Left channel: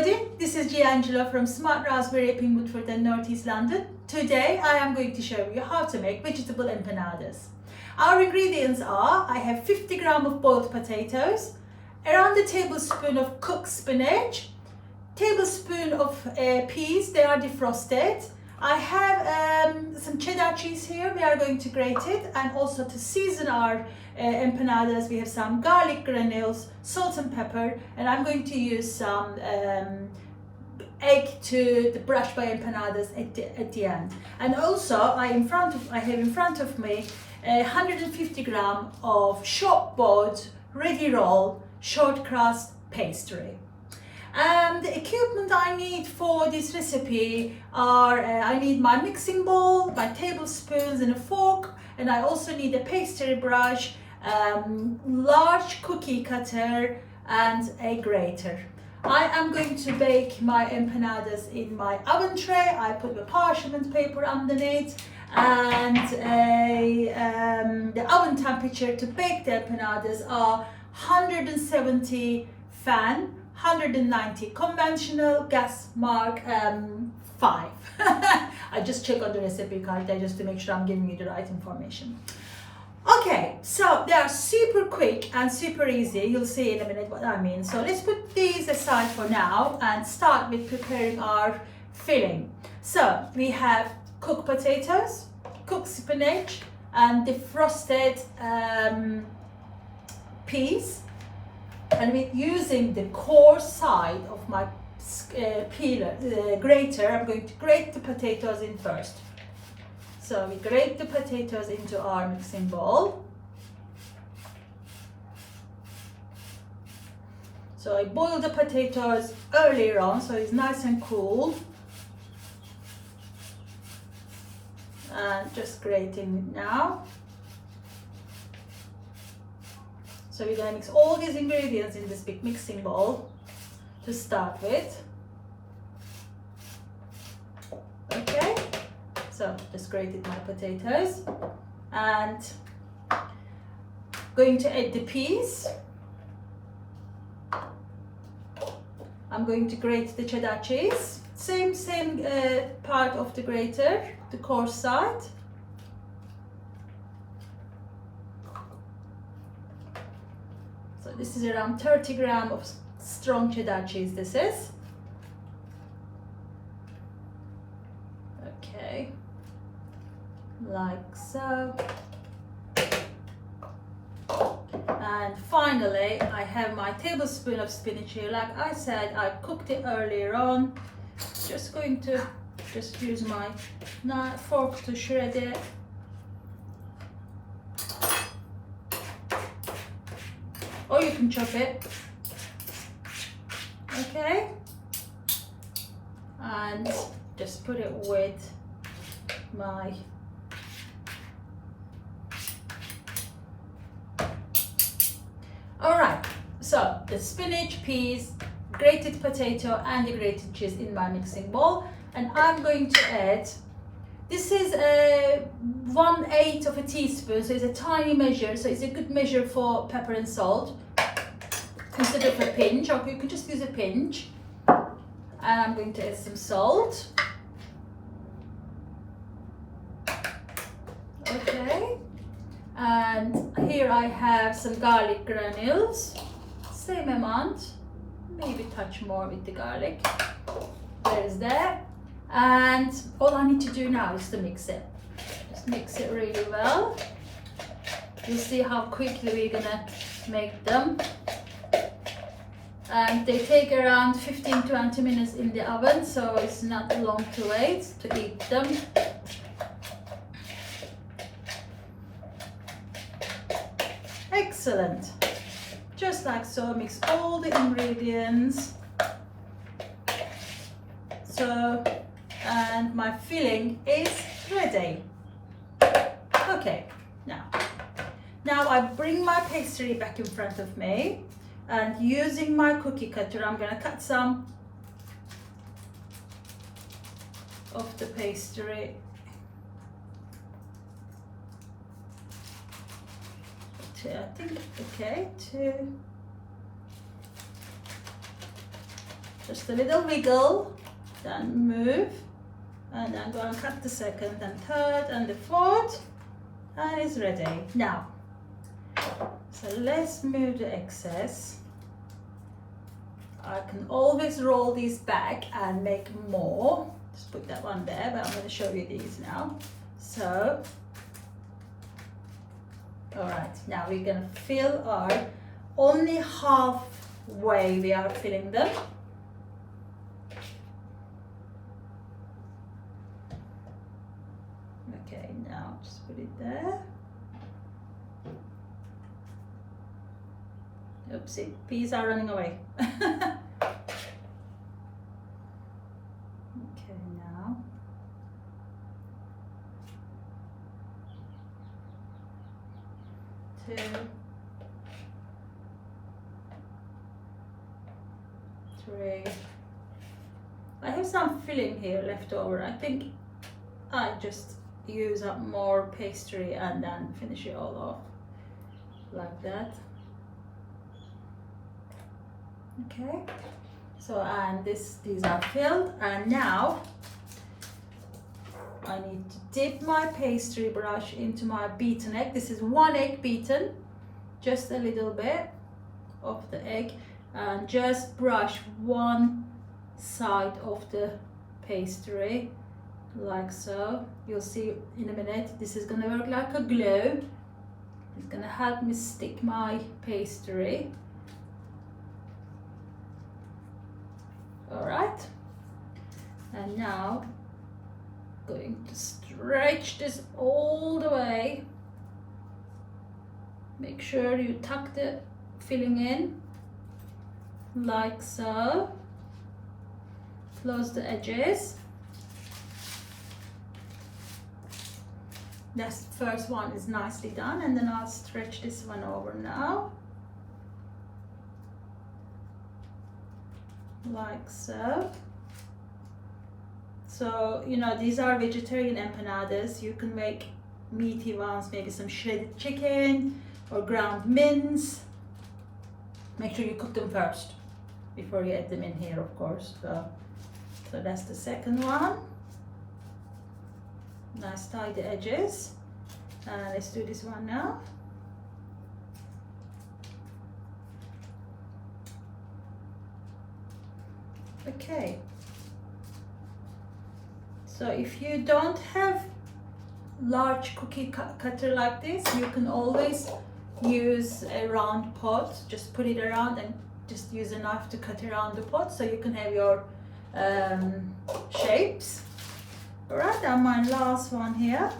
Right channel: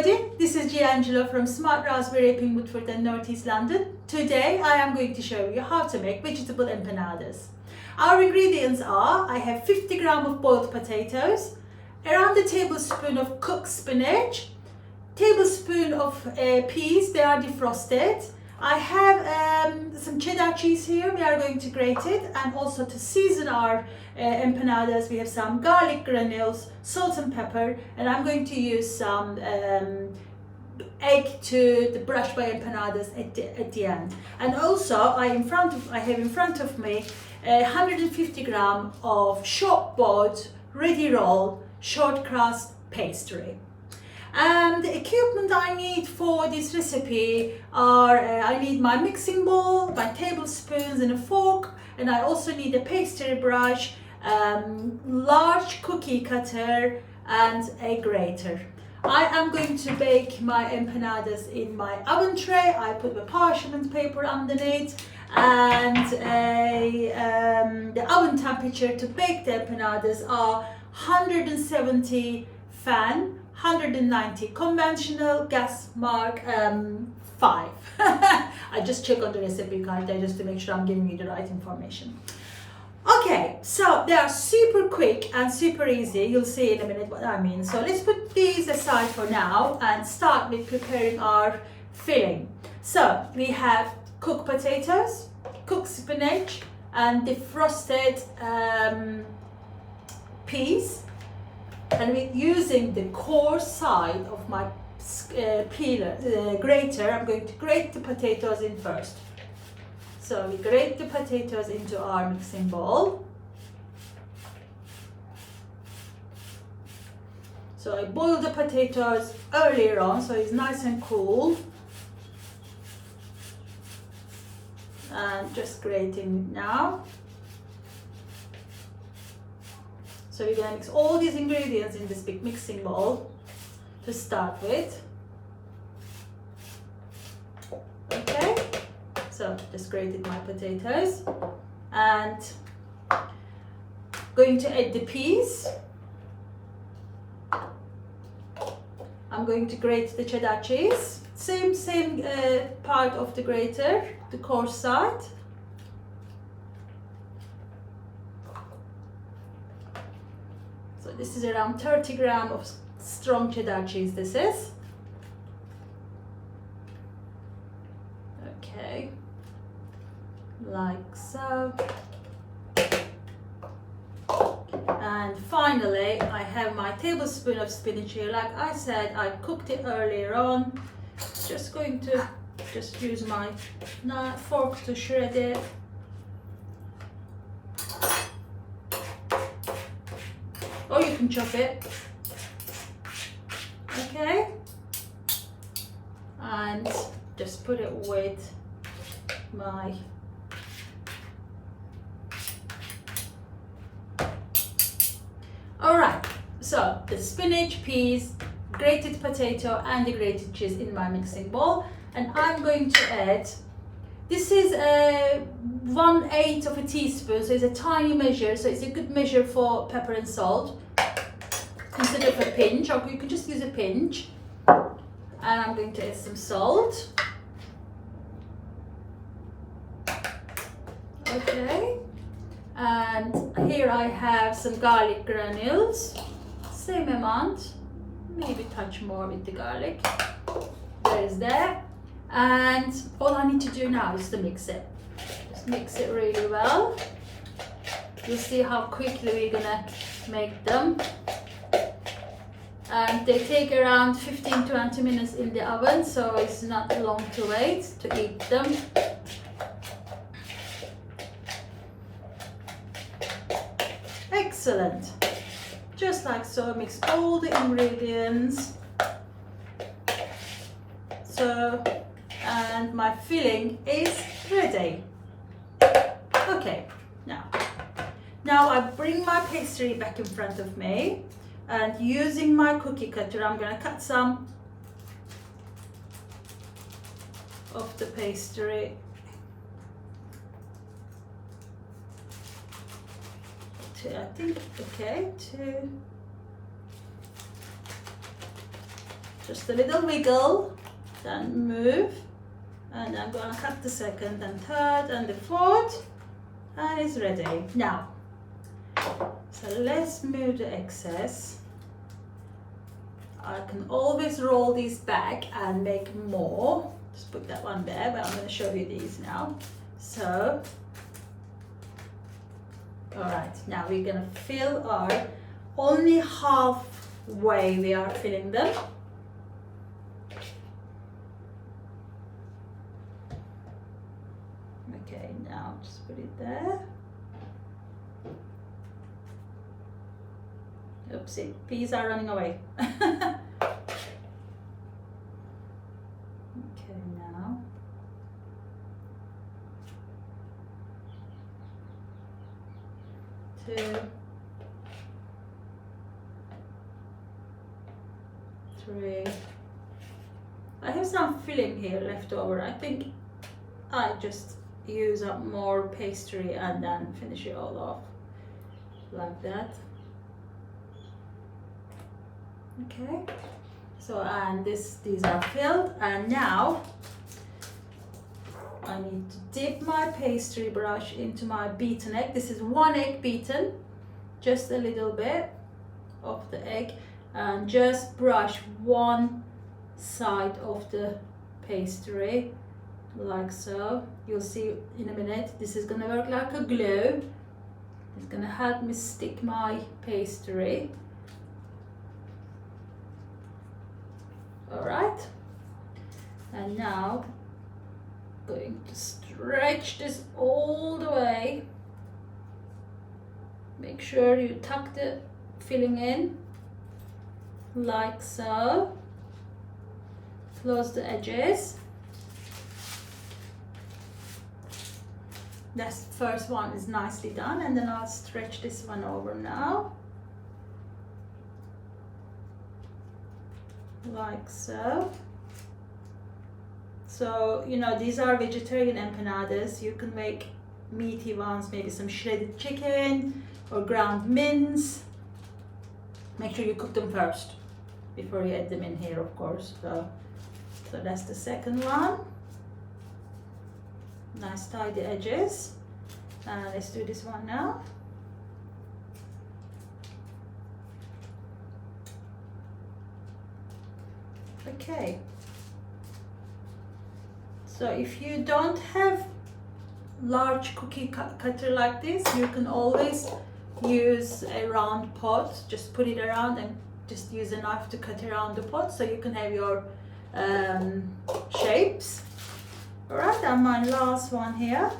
everybody, this is Angela from Smart Raspberry up in Woodford and North East London. Today I am going to show you how to make vegetable empanadas. Our ingredients are, I have 50 grams of boiled potatoes, around a tablespoon of cooked spinach, tablespoon of peas, they are defrosted. I have some cheddar cheese here, we are going to grate it, and also to season our empanadas we have some garlic granules, salt and pepper, and I'm going to use some egg to brush my empanadas at the end. And also I have in front of me 150 grams of short boiled ready roll short crust pastry. And the equipment I need for this recipe are, I need my mixing bowl, my tablespoons and a fork, and I also need a pastry brush, large cookie cutter and a grater. I am going to bake my empanadas in my oven tray. I put the parchment paper underneath, and the oven temperature to bake the empanadas are 170 fan, 190 conventional, gas mark 5. I just check on the recipe card there just to make sure I'm giving you the right information. Okay, so they are super quick and super easy. You'll see in a minute what I mean. So let's put these aside for now and start with preparing our filling. So we have cooked potatoes, cooked spinach, and defrosted peas. And we're using the coarse side of my grater. I'm going to grate the potatoes in first. So we grate the potatoes into our mixing bowl. So I boiled the potatoes earlier on, so it's nice and cool. And just grating it now. So we're going to mix all these ingredients in this big mixing bowl to start with. Okay, so just grated my potatoes and going to add the peas. I'm going to grate the cheddar cheese. Same part of the grater, the coarse side. So this is around 30 grams of strong cheddar cheese, this is. Okay, like so. And finally, I have my tablespoon of spinach here. Like I said, I cooked it earlier on. Just going to use my fork to shred it. Or you can chop it. Okay, and just put it with my alright, so the spinach, peas, grated potato and the grated cheese in my mixing bowl, and I'm going to add, this is 1/8 of a teaspoon, so it's a tiny measure, so it's a good measure for pepper and salt instead of a pinch, or you can just use a pinch. And I'm going to add some salt. Okay, and here I have some garlic granules, same amount, maybe a touch more with the garlic. There's that. And all I need to do now is to mix it. Just mix it really well. You'll see how quickly we're gonna make them. And they take around 15-20 minutes in the oven, so it's not long to wait to eat them. Excellent. Just like so, mix all the ingredients. So, and my filling is ready. Okay, now I bring my pastry back in front of me, and using my cookie cutter, I'm going to cut some of the pastry. I think, okay, Just a little wiggle, then move, and I'm going to cut the second and third and the fourth, and it's ready. Now, so let's move the excess. I can always roll these back and make more. Just put that one there, but I'm going to show you these now. So, all right, now we're going to fill our, only halfway we are filling them. Okay, now just put it there. Oopsie, peas are running away. Okay, now. Two. Three. I have some filling here left over. I think I just use up more pastry and then finish it all off like that. Okay, so and these are filled, and now I need to dip my pastry brush into my beaten egg. This is 1 egg beaten, just a little bit of the egg, and just brush one side of the pastry like so. You'll see in a minute, this is going to work like a glue. It's going to help me stick my pastry. All right, and now going to stretch this all the way. Make sure you tuck the filling in like so. Close the edges. This first one is nicely done, and then I'll stretch this one over now. Like so. So, you know, these are vegetarian empanadas. You can make meaty ones, maybe some shredded chicken or ground mince. Make sure you cook them first before you add them in here, of course. So that's the second one. Nice tidy edges. And let's do this one now. Okay, so if you don't have large cookie cutter like this, you can always use a round pot. Just put it around and just use a knife to cut around the pot so you can have your shapes. All right, and my last one here.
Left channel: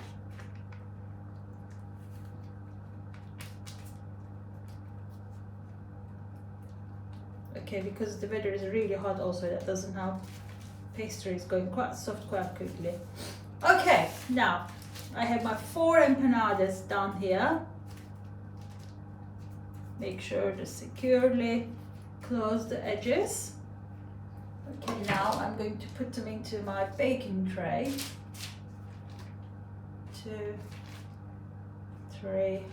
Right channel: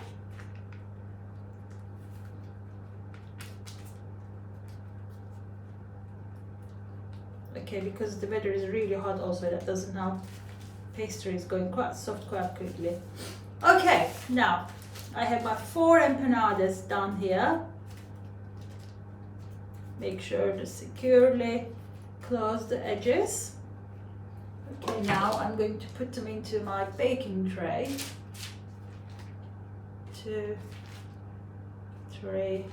Okay, because the weather is really hot also, that doesn't help. Pastry is going quite soft quite quickly. Okay, now I have my 4 empanadas down here. Make sure to securely close the edges. Okay, now I'm going to put them into my baking tray. 2, 3,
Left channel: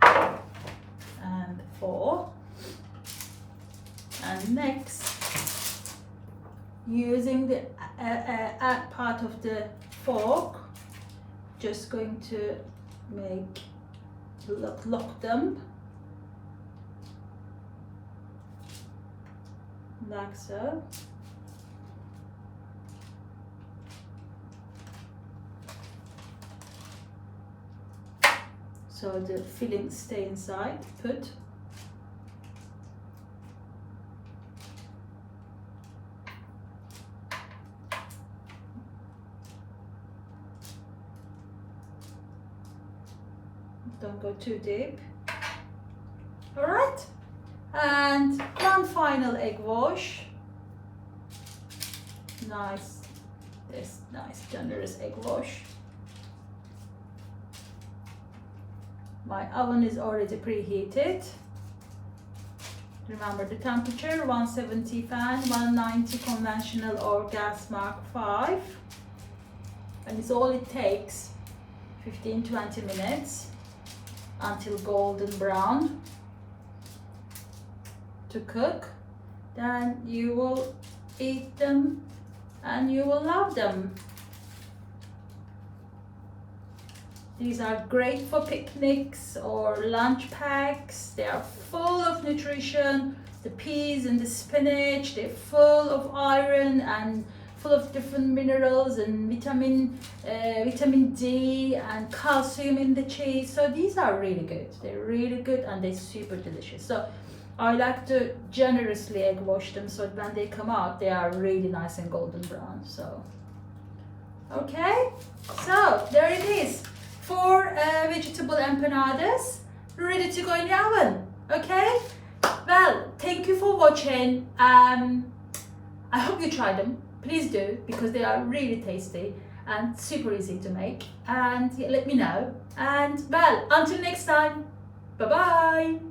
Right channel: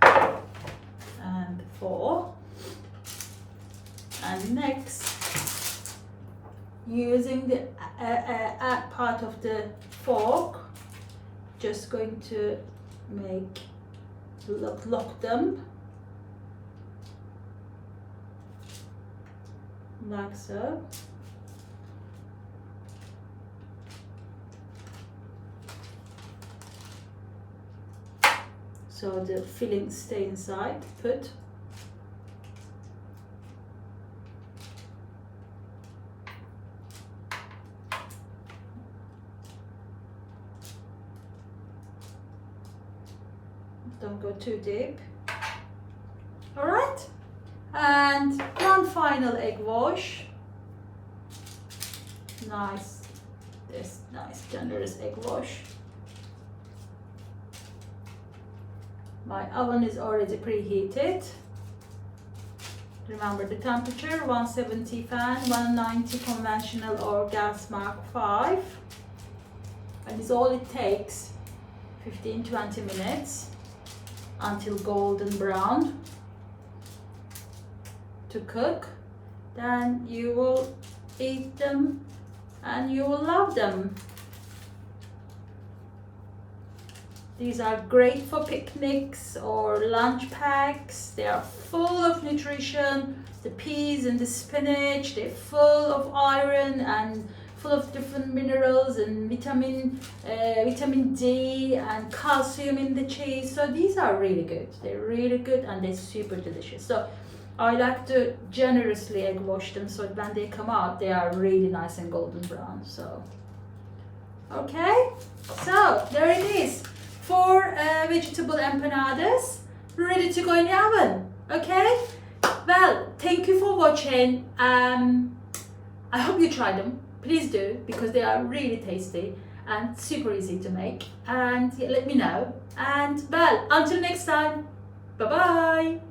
and 4. And next, using the part of the fork, just going to make lock them like so. So the filling stay inside. Put. Don't go too deep. All right, and one final egg wash. Nice, this nice generous egg wash. My oven is already preheated. Remember the temperature: 170 fan, 190 conventional or gas Mark 5. And it's all it takes, 15-20 minutes until golden brown to cook. then you will eat them and you will love them. These are great for picnics or lunch packs. They are full of nutrition. The peas and the spinach, they're full of iron and full of different minerals and vitamin D and calcium in the cheese. So these are really good. They're really good and they're super delicious. So I like to generously egg wash them so when they come out, they are really nice and golden brown. So, okay, so there it is. 4 vegetable empanadas ready to go in the oven. Okay, well, thank you for watching. I hope you try them. Please do, because they are really tasty and super easy to make. And let me know. And well, until next time, bye bye.